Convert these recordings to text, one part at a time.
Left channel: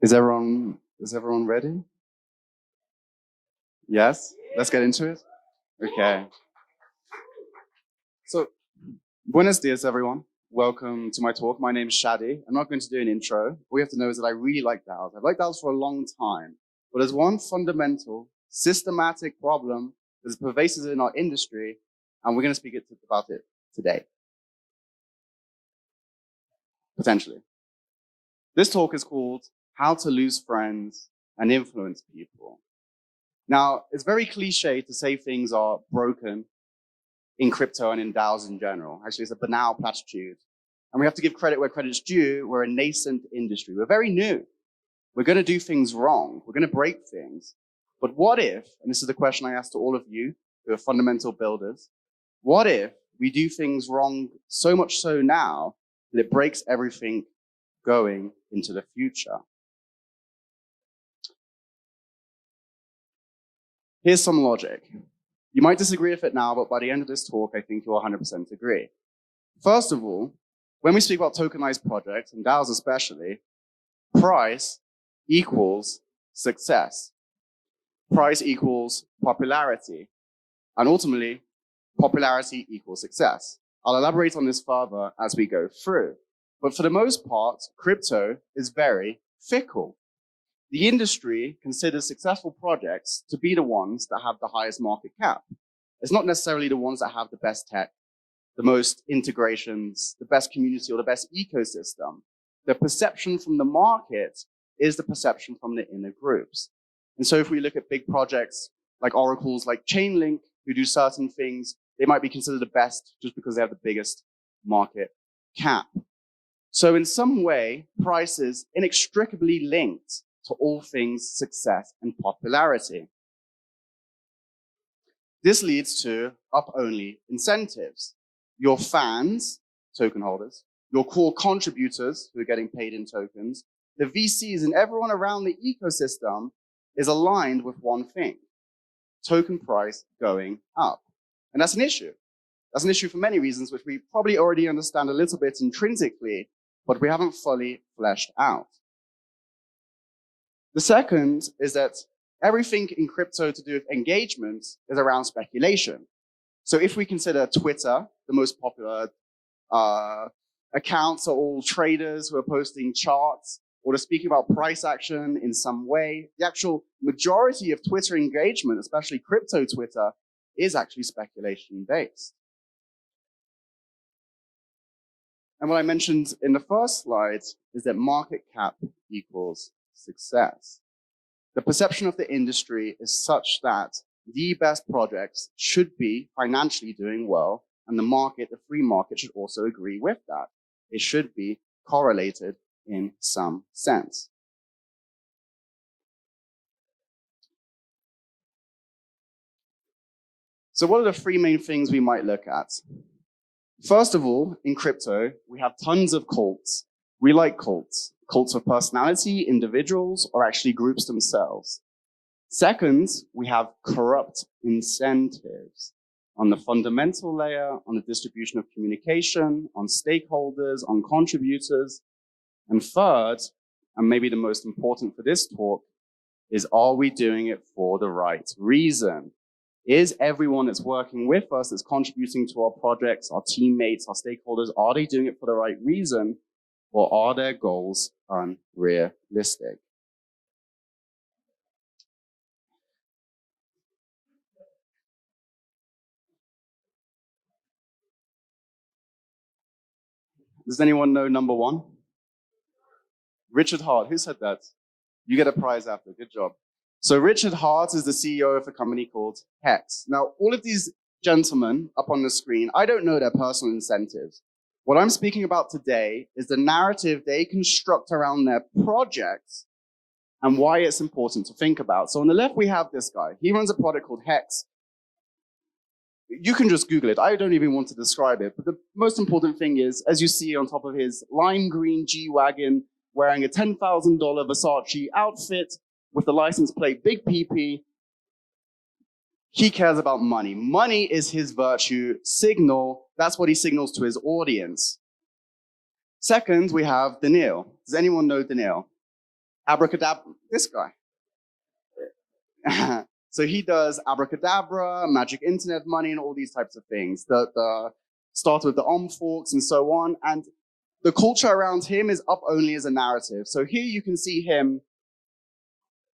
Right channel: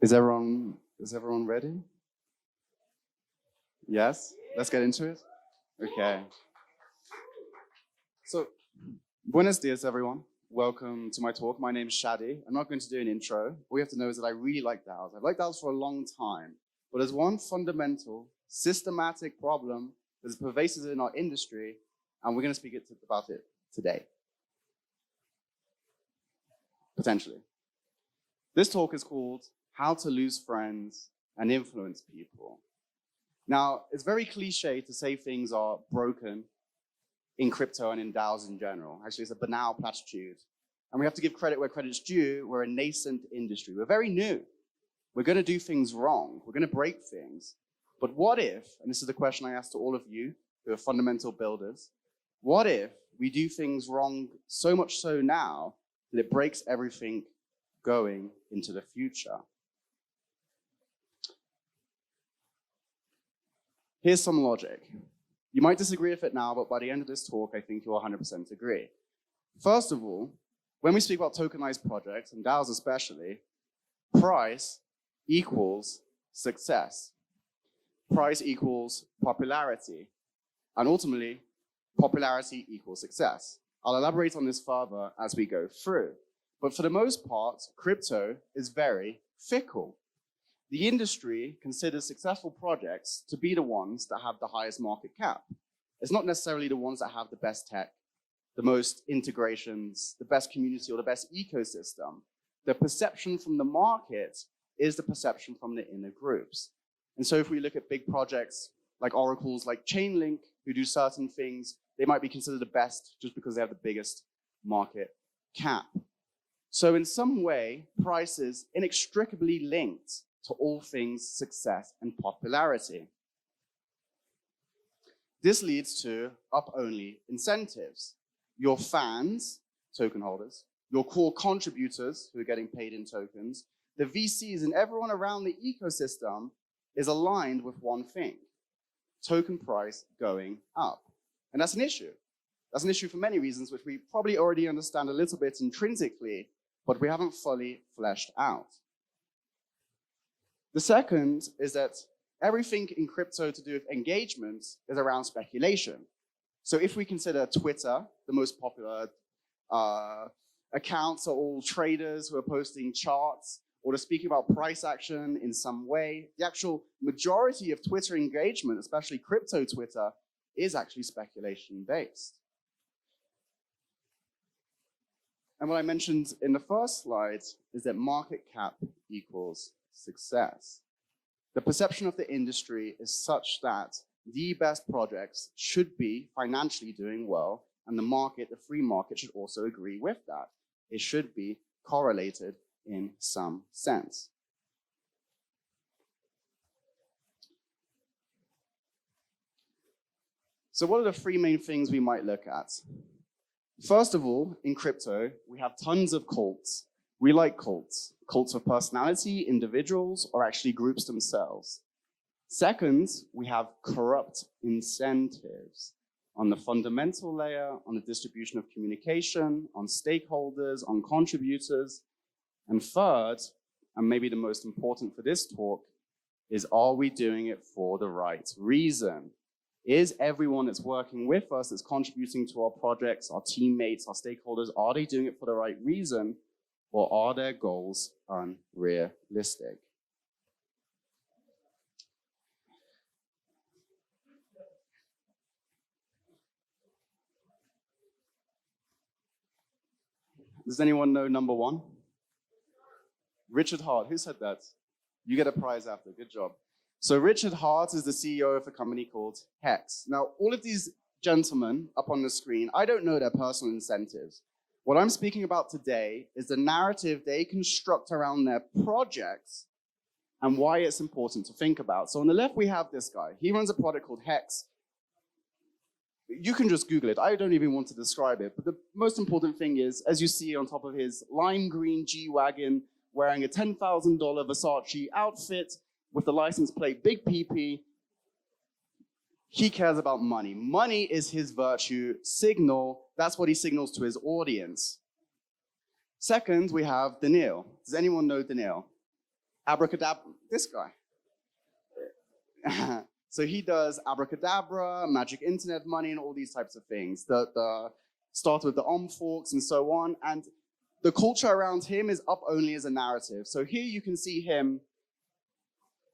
Is everyone ready? Yes? Let's get into it? Okay. So, buenos dias, everyone. Welcome to my talk. My name is Shadi. I'm not going to do an intro. All you have to know is that I really like DAOs. I've liked DAOs for a long time. But there's one fundamental, systematic problem that is pervasive in our industry, and we're going to speak about it today. Potentially. This talk is called How to Lose Friends and Influence People. Now, it's very cliche to say things are broken in crypto and in DAOs in general. Actually, it's a banal platitude. And we have to give credit where credit's due. We're a nascent industry. We're very new. We're going to do things wrong. We're going to break things. But what if, and this is the question I ask to all of you who are fundamental builders, what if we do things wrong so much so now that it breaks everything going into the future? Here's some logic. You might disagree with it now, but by the end of this talk, I think you'll 100% agree. First of all, when we speak about tokenized projects, and DAOs especially, price equals success. Price equals popularity. And ultimately, popularity equals success. I'll elaborate on this further as we go through. But for the most part, crypto is very fickle. The industry considers successful projects to be the ones that have the highest market cap. It's not necessarily the ones that have the best tech, the most integrations, the best community, or the best ecosystem. The perception from the market is the perception from the inner groups. And so if we look at big projects like oracles, like Chainlink, who do certain things, they might be considered the best just because they have the biggest market cap. So in some way, price is inextricably linked to all things success and popularity. This leads to up-only incentives. Your fans, token holders, your core contributors who are getting paid in tokens, the VCs and everyone around the ecosystem is aligned with one thing: token price going up. And that's an issue. That's an issue for many reasons, which we probably already understand a little bit intrinsically, but we haven't fully fleshed out. The second is that everything in crypto to do with engagement is around speculation. So if we consider Twitter, the most popular accounts are all traders who are posting charts or they're speaking about price action in some way, the actual majority of Twitter engagement, especially crypto Twitter, is actually speculation based. And what I mentioned in the first slide is that market cap equals success. The perception of the industry is such that the best projects should be financially doing well, and the market, the free market, should also agree with that. It should be correlated in some sense. So what are the three main things we might look at? First of all, in crypto, we have tons of cults. We like cults. Cults of personality, individuals, or actually groups themselves. Second, we have corrupt incentives on the fundamental layer, on the distribution of communication, on stakeholders, on contributors. And third, and maybe the most important for this talk, is are we doing it for the right reason? Is everyone that's working with us, that's contributing to our projects, our teammates, our stakeholders, are they doing it for the right reason? Or are their goals unrealistic? Does anyone know number one? Richard Hart. Who said that? You get a prize after. Good job. So Richard Hart is the CEO of a company called Hex. Now, all of these gentlemen up on the screen, I don't know their personal incentives. What I'm speaking about today is the narrative they construct around their projects and why it's important to think about. So on the left, we have this guy. He runs a product called Hex. You can just Google it. I don't even want to describe it. But the most important thing is, as you see on top of his lime green G-Wagon, wearing a $10,000 Versace outfit with the license plate Big PP, he cares about money. Money is his virtue signal. That's what he signals to his audience. Second, we have Daniil. Does anyone know Daniil? Abracadabra, this guy. So he does abracadabra, magic internet money, and all these types of things. The start with the forks and so on. And the culture around him is up only as a narrative. So here you can see him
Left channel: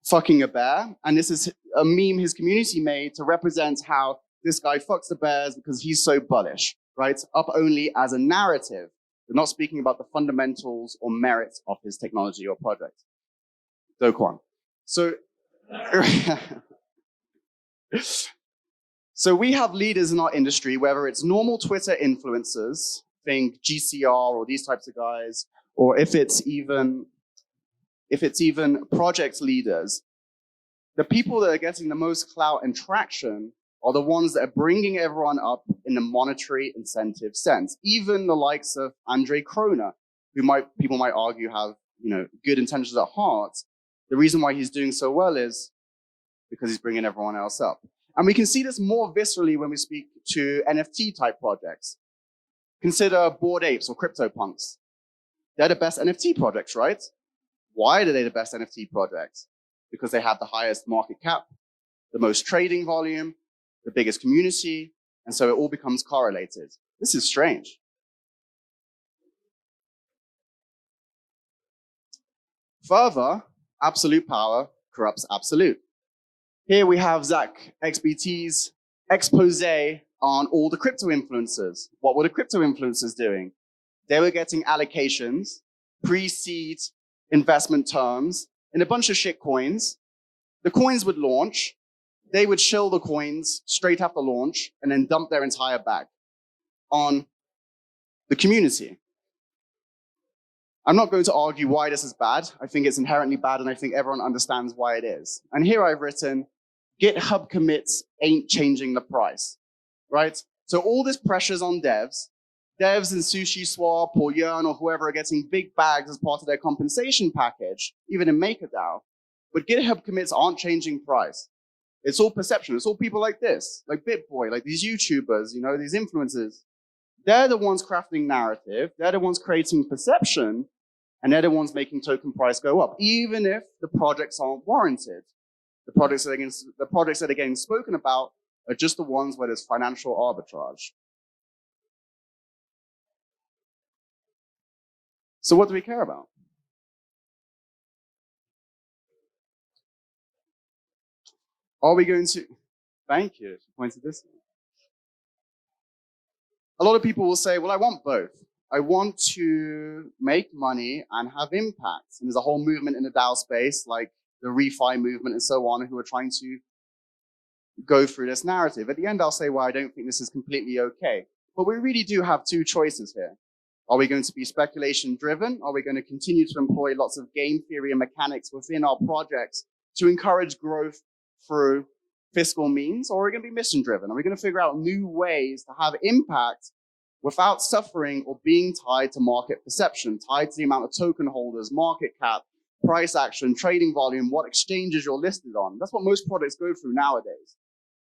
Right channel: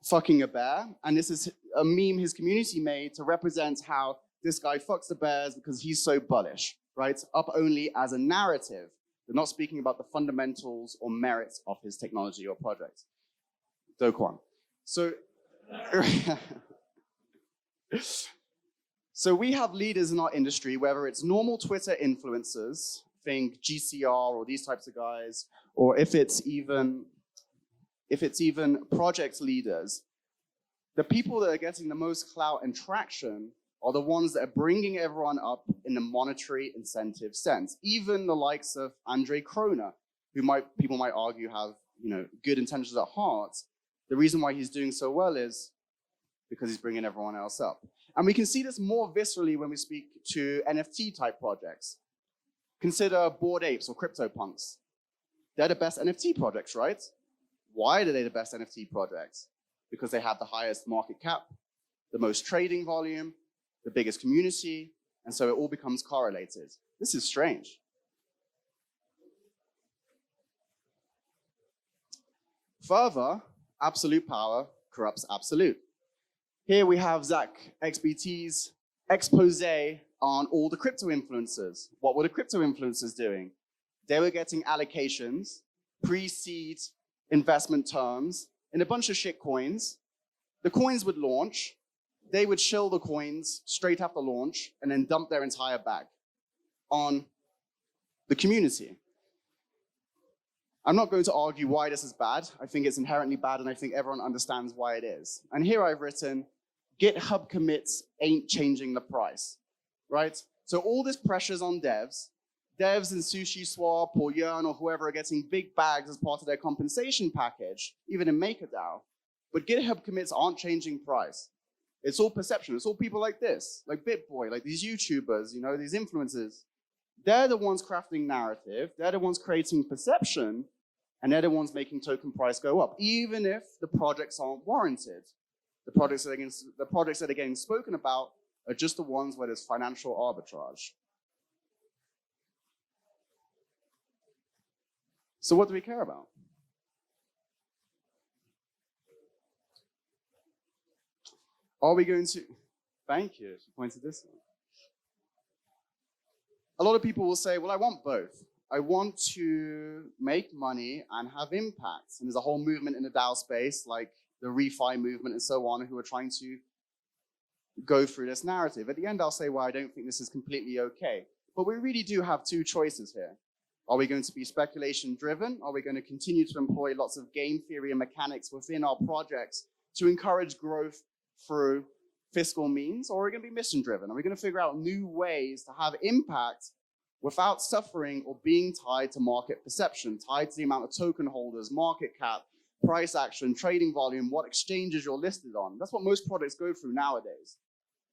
fucking a bear. And this is a meme his community made to represent how this guy fucks the bears because he's so bullish, right? Up only as a narrative. They're not speaking about the fundamentals or merits of his technology or project. Do Kwon. So, so we have leaders in our industry, whether it's normal Twitter influencers, think GCR or these types of guys, or if it's even project leaders, the people that are getting the most clout and traction are the ones that are bringing everyone up in a monetary incentive sense. Even the likes of Andre Kroner, who people might argue have good intentions at heart. The reason why he's doing so well is because he's bringing everyone else up. And we can see this more viscerally when we speak to NFT type projects. Consider Bored Apes or CryptoPunks. They're the best NFT projects, right? Why are they the best NFT projects? Because they have the highest market cap, the most trading volume, the biggest community, and so it all becomes correlated. This is strange. Further, absolute power corrupts absolute. Here we have Zach XBT's expose on all the crypto influencers. What were the crypto influencers doing? They were getting allocations, pre-seed investment terms in a bunch of shit coins. The coins would launch. They would shill the coins straight after launch and then dump their entire bag on the community. I'm not going to argue why this is bad. I think it's inherently bad, and I think everyone understands why it is. And here I've written, GitHub commits ain't changing the price, right? So all this pressure's on devs. Devs in SushiSwap or Yearn or whoever are getting big bags as part of their compensation package, even in MakerDAO. But GitHub commits aren't changing price. It's all perception. It's all people like this, like BitBoy, like these YouTubers, these influencers. They're the ones crafting narrative. They're the ones creating perception. And they're the ones making token price go up, even if the projects aren't warranted. The projects that are getting spoken about are just the ones where there's financial arbitrage. So what do we care about? Are we going to, thank you, pointed this one. A lot of people will say, well, I want both. I want to make money and have impact. And there's a whole movement in the DAO space, like the refi movement and so on, who are trying to go through this narrative. At the end, I'll say, well, I don't think this is completely okay. But we really do have two choices here. Are we going to be speculation driven? Are we going to continue to employ lots of game theory and mechanics within our projects to encourage growth through fiscal means? Or are we going to be mission driven? Are we going to figure out new ways to have impact without suffering or being tied to market perception, tied to the amount of token holders, market cap, price action, trading volume, what exchanges you're listed on? That's what most products go through nowadays,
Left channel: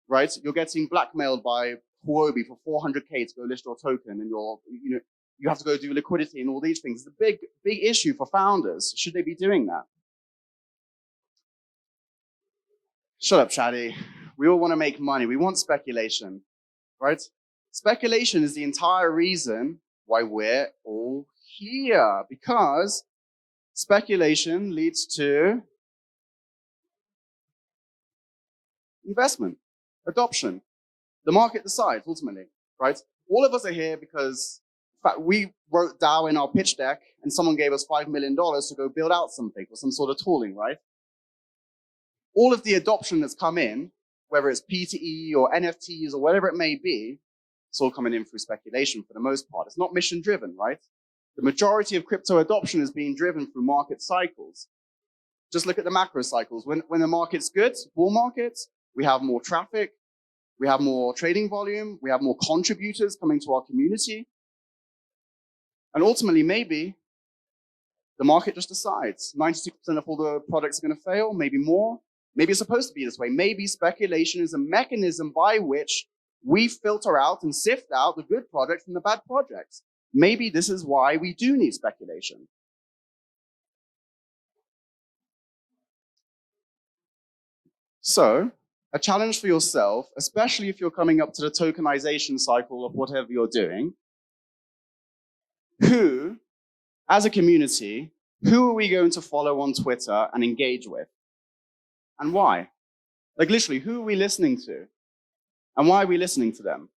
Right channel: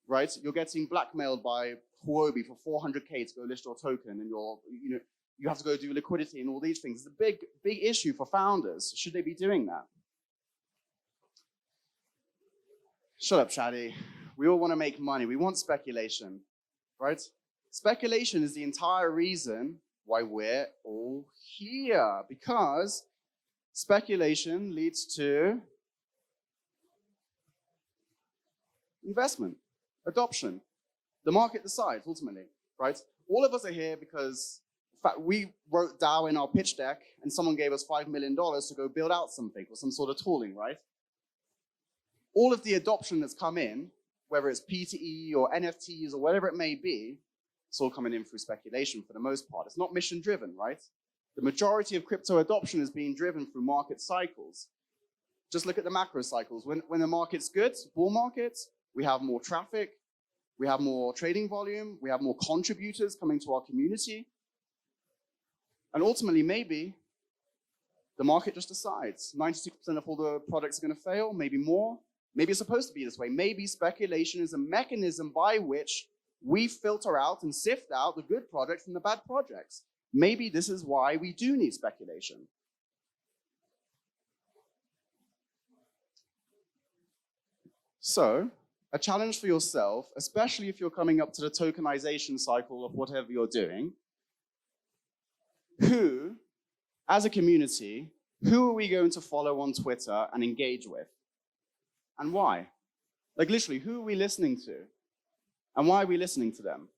right? You're getting blackmailed by Huobi for 400K to go list your token, and you have to go do liquidity and all these things. It's a big issue for founders. Should they be doing that? Shut up, Shadi. We all want to make money. We want speculation, right? Speculation is the entire reason why we're all here, because speculation leads to investment, adoption. The market decides ultimately, right? All of us are here because, in fact, we wrote DAO in our pitch deck and someone gave us $5 million to go build out something or some sort of tooling, right? All of the adoption that's come in, whether it's PTE or NFTs or whatever it may be, it's all coming in through speculation for the most part. It's not mission driven, right? The majority of crypto adoption is being driven through market cycles. Just look at the macro cycles. When the market's good, bull markets, we have more traffic, we have more trading volume, we have more contributors coming to our community. And ultimately, maybe the market just decides 96% of all the products are going to fail, maybe more. Maybe it's supposed to be this way. Maybe speculation is a mechanism by which we filter out and sift out the good projects from the bad projects. Maybe this is why we do need speculation. So, a challenge for yourself, especially if you're coming up to the tokenization cycle of whatever you're doing, who, as a community, who are we going to follow on Twitter and engage with? And why? Like literally, who are we listening to? And why are we listening to them?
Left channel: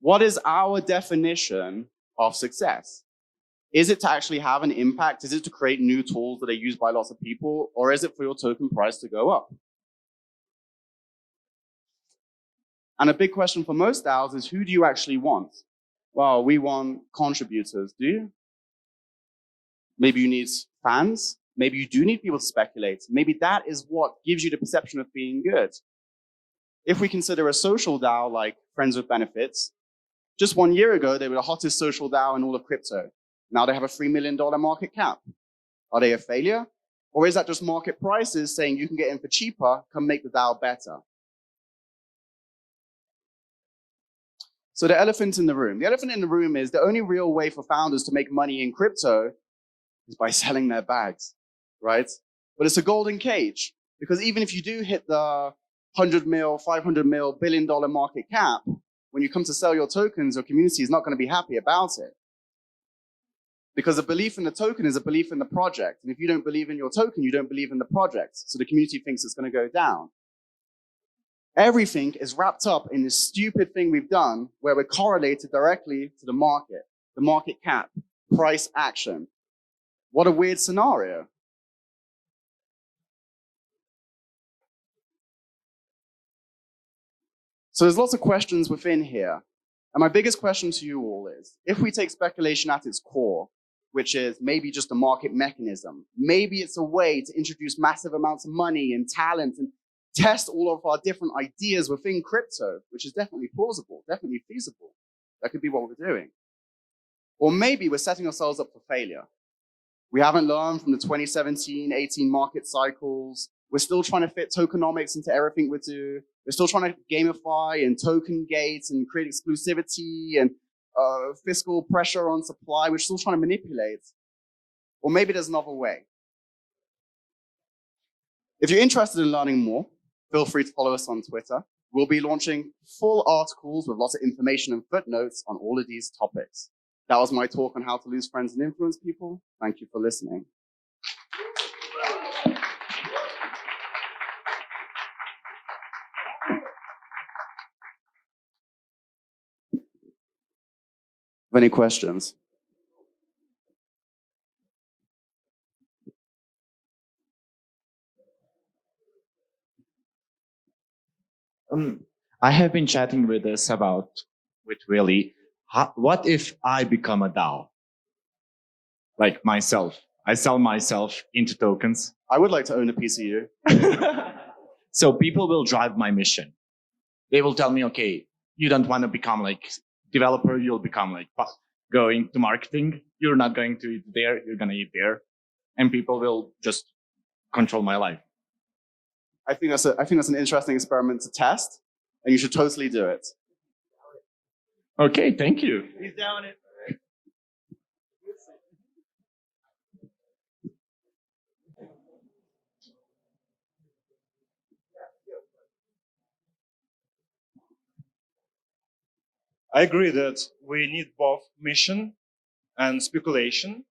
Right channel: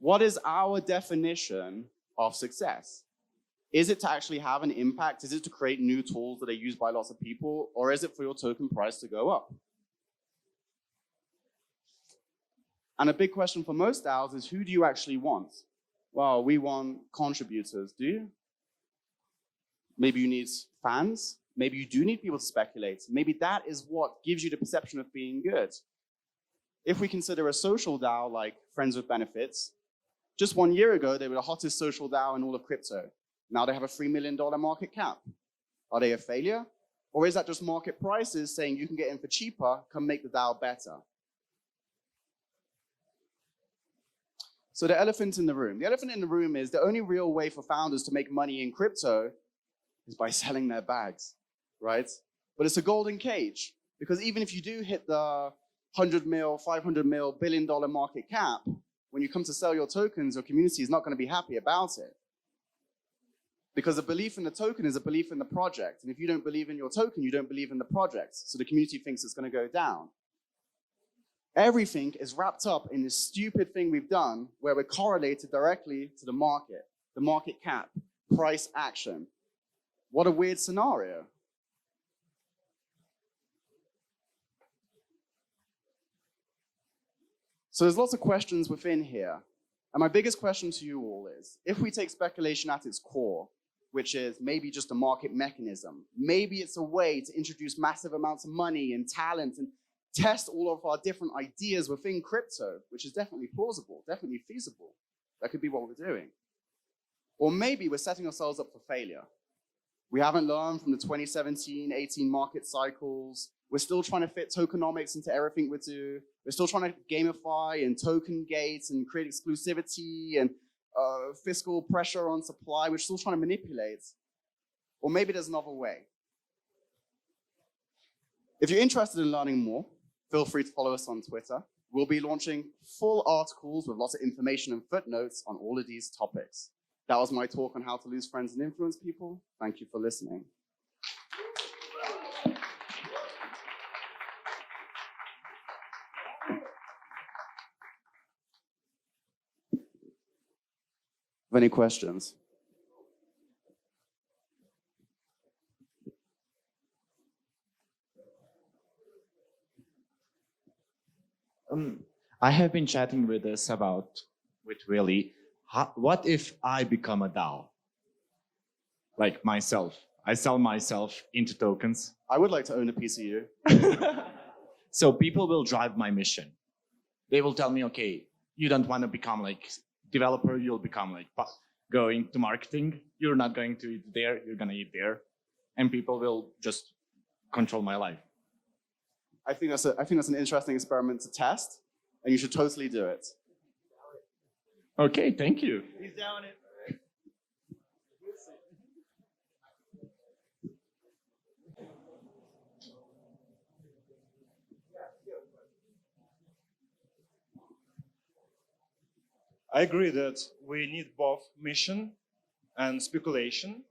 What is our definition of success? Is it to actually have an impact? Is it to create new tools that are used by lots of people? Or is it for your token price to go up? And a big question for most DAOs is, who do you actually want? Well, we want contributors, do you? Maybe you need fans. Maybe you do need people to speculate. Maybe that is what gives you the perception of being good. If we consider a social DAO like Friends with Benefits, just 1 year ago, they were the hottest social DAO in all of crypto. Now they have a $3 million market cap. Are they a failure? Or is that just market prices saying you can get in for cheaper, come make the DAO better? So the elephant in the room. The elephant in the room is the only real way for founders to make money in crypto is by selling their bags, right? But it's a golden cage, because even if you do hit the 100 mil, 500 mil, $1 billion market cap, when you come to sell your tokens, your community is not going to be happy about it. Because a belief in the token is a belief in the project. And if you don't believe in your token, you don't believe in the project. So the community thinks it's going to go down. Everything is wrapped up in this stupid thing we've done where we're correlated directly to the market cap, price action. What a weird scenario. So there's lots of questions within here. And my biggest question to you all is, if we take speculation at its core, which is maybe just a market mechanism, maybe it's a way to introduce massive amounts of money and talent and test all of our different ideas within crypto, which is definitely plausible, definitely feasible. That could be what we're doing. Or maybe we're setting ourselves up for failure. We haven't learned from the 2017-18 market cycles. We're still trying to fit tokenomics into everything we do. We're still trying to gamify and token gates and create exclusivity and fiscal pressure on supply. We're still trying to manipulate. Or maybe there's another way. If you're interested in learning more, feel free to follow us on Twitter. We'll be launching full articles with lots of information and footnotes on all of these topics. That was my talk on how to lose friends and influence people. Thank you for listening. Any questions? I have been chatting with Willie. What if I become a DAO? Like myself. I sell myself into tokens. I would like to own a piece of you. So people will drive my mission. They will tell me, okay, you don't want to become like developer, you'll become like going to marketing. You're not going to eat there, you're going to eat there. And people will just control my life. I think that's an interesting experiment to test, and you should totally do it. Okay, thank you. He's down it. I agree that we need both mission and speculation,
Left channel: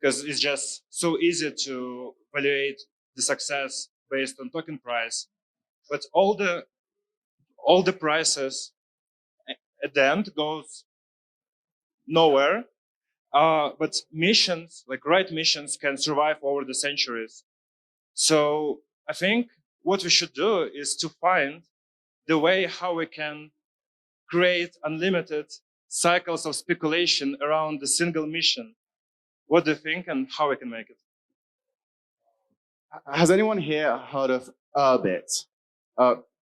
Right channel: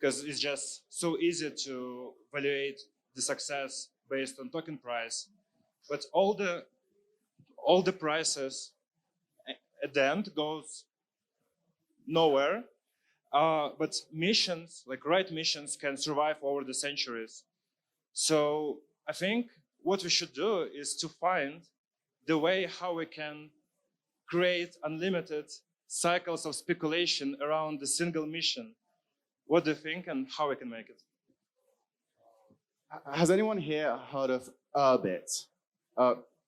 because it's just so easy to evaluate the success based on token price. But all the prices at the end goes nowhere. But missions, like right missions, can survive over the centuries. So I think what we should do is to find the way how we can create unlimited cycles of speculation around the single mission. What do you think, and how we can make it? Has anyone here heard of Urbit?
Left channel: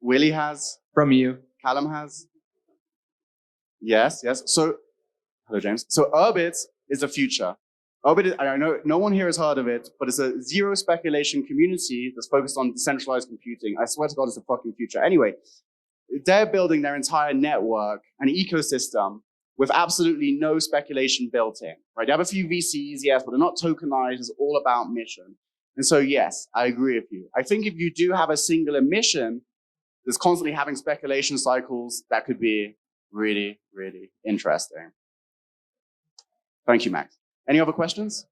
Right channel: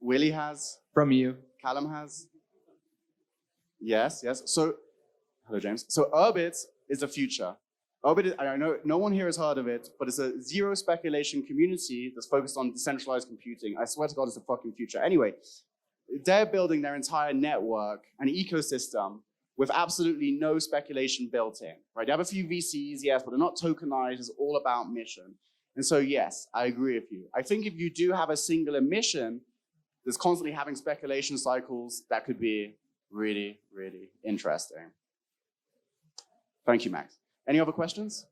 Willie has. From you. Callum has. Yes. So, hello, James. So Urbit is the future. Urbit, I know no one here has heard of it, but it's a zero speculation community that's focused on decentralized computing. I swear to God, it's the fucking future. Anyway, they're building their entire network and ecosystem with absolutely no speculation built in, right? They have a few VCs, yes, but they're not tokenized. It's all about mission. And so, yes, I agree with you. I think if you do have a singular mission that's constantly having speculation cycles, that could be really, really interesting. Thank you, Max. Any other questions?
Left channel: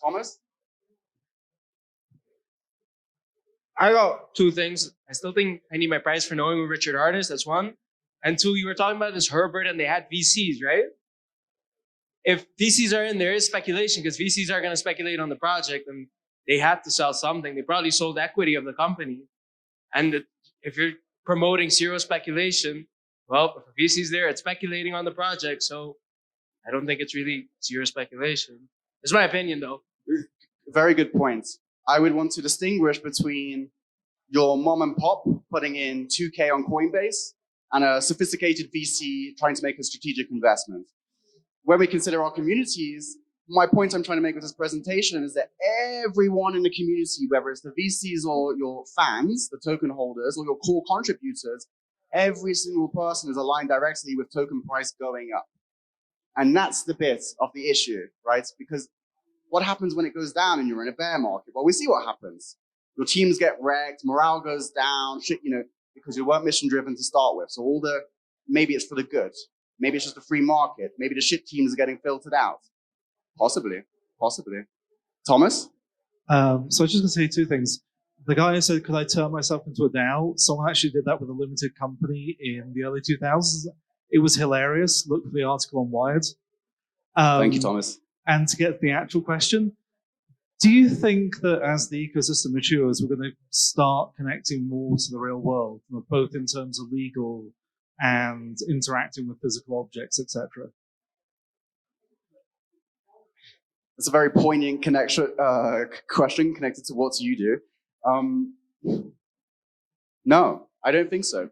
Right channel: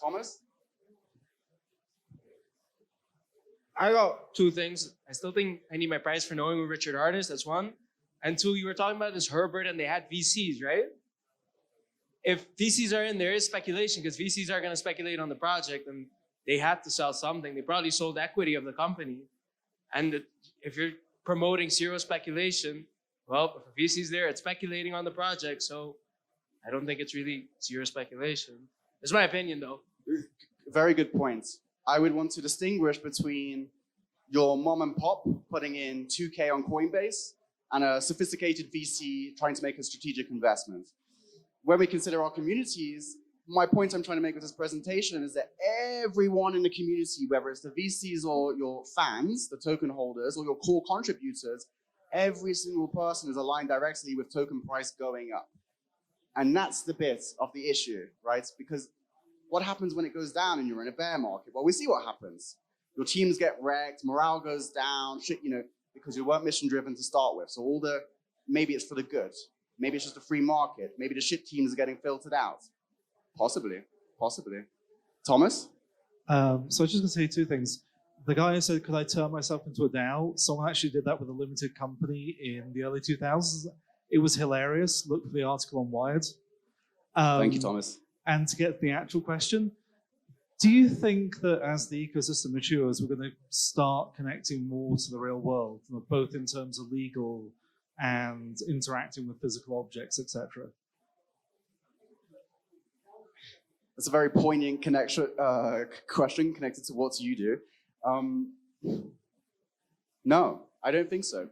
Thomas? I got two things. I still think I need my prize for knowing who Richard Hart is. That's one. And two, you were talking about this Herbert and they had VCs, right? If VCs are in, there is speculation because VCs are going to speculate on the project and they had to sell something. They probably sold equity of the company. And if you're promoting zero speculation, well, if a VC's there, it's speculating on the project. So I don't think it's really zero speculation. It's my opinion, though. Very good point. I would want to distinguish between your mom and pop putting in 2K on Coinbase and a sophisticated VC trying to make a strategic investment. When we consider our communities, my point I'm trying to make with this presentation is that everyone in the community, whether it's the VCs or your fans, the token holders, or your core contributors, every single person is aligned directly with token price going up. And that's the bit of the issue, right? Because what happens when it goes down and you're in a bear market? Well, we see what happens. Your teams get wrecked, morale goes down, shit, because you weren't mission driven to start with. So maybe it's for the good. Maybe it's just a free market. Maybe the shit teams are getting filtered out. Possibly. Thomas? So I was just going to say two things. The guy who said, could I turn myself into a DAO? Someone actually did that with a limited company in the early 2000s. It was hilarious. Look for the article on Wired. Thank you, Thomas. And to get the actual question, do you think that as the ecosystem matures, we're going to start connecting more to the real world, both in terms of legal and interacting with physical objects, etc.? That's a very poignant question connected to what you do. No, I don't think so.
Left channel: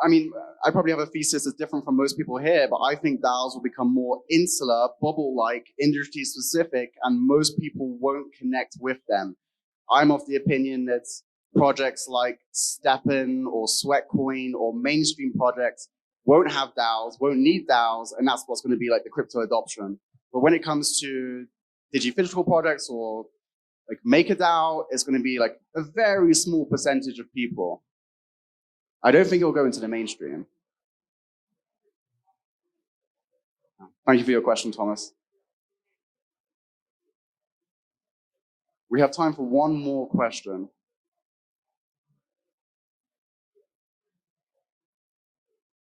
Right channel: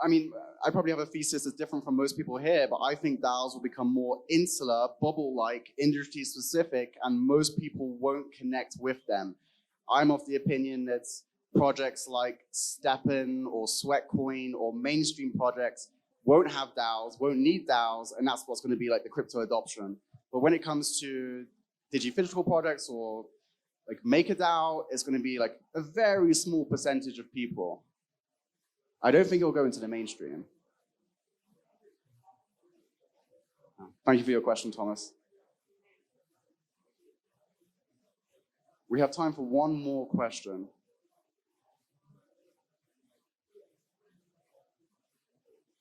I mean, I probably have a thesis that's different from most people here, but I think DAOs will become more insular, bubble-like, industry-specific, and most people won't connect with them. I'm of the opinion that projects like Steppen or Sweatcoin or mainstream projects won't have DAOs, won't need DAOs, and that's what's going to be like the crypto adoption. But when it comes to digi-physical projects or like MakerDAO, it's going to be like a very small percentage of people. I don't think it'll go into the mainstream. Thank you for your question, Thomas. We have time for one more question.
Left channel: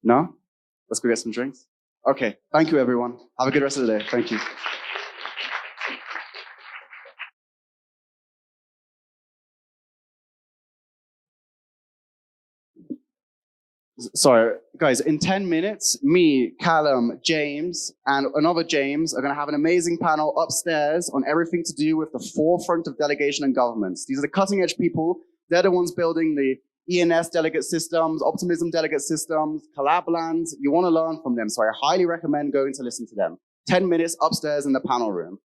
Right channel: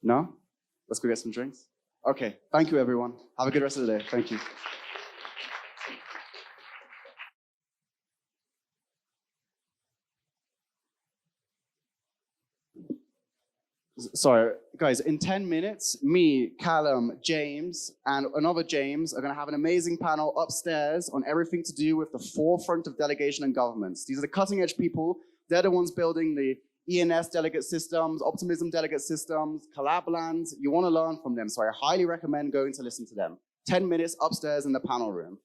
No? Let's go get some drinks. Okay, thank you, everyone. Have a good rest of the day. Thank you. Sorry, guys, in 10 minutes, me, Callum, James, and another James are going to have an amazing panel upstairs on everything to do with the forefront of delegation and governments. These are the cutting edge people. They're the ones building the ENS delegate systems, Optimism delegate systems, Collablands. You want to learn from them, so I highly recommend going to listen to them. 10 minutes upstairs in the panel room.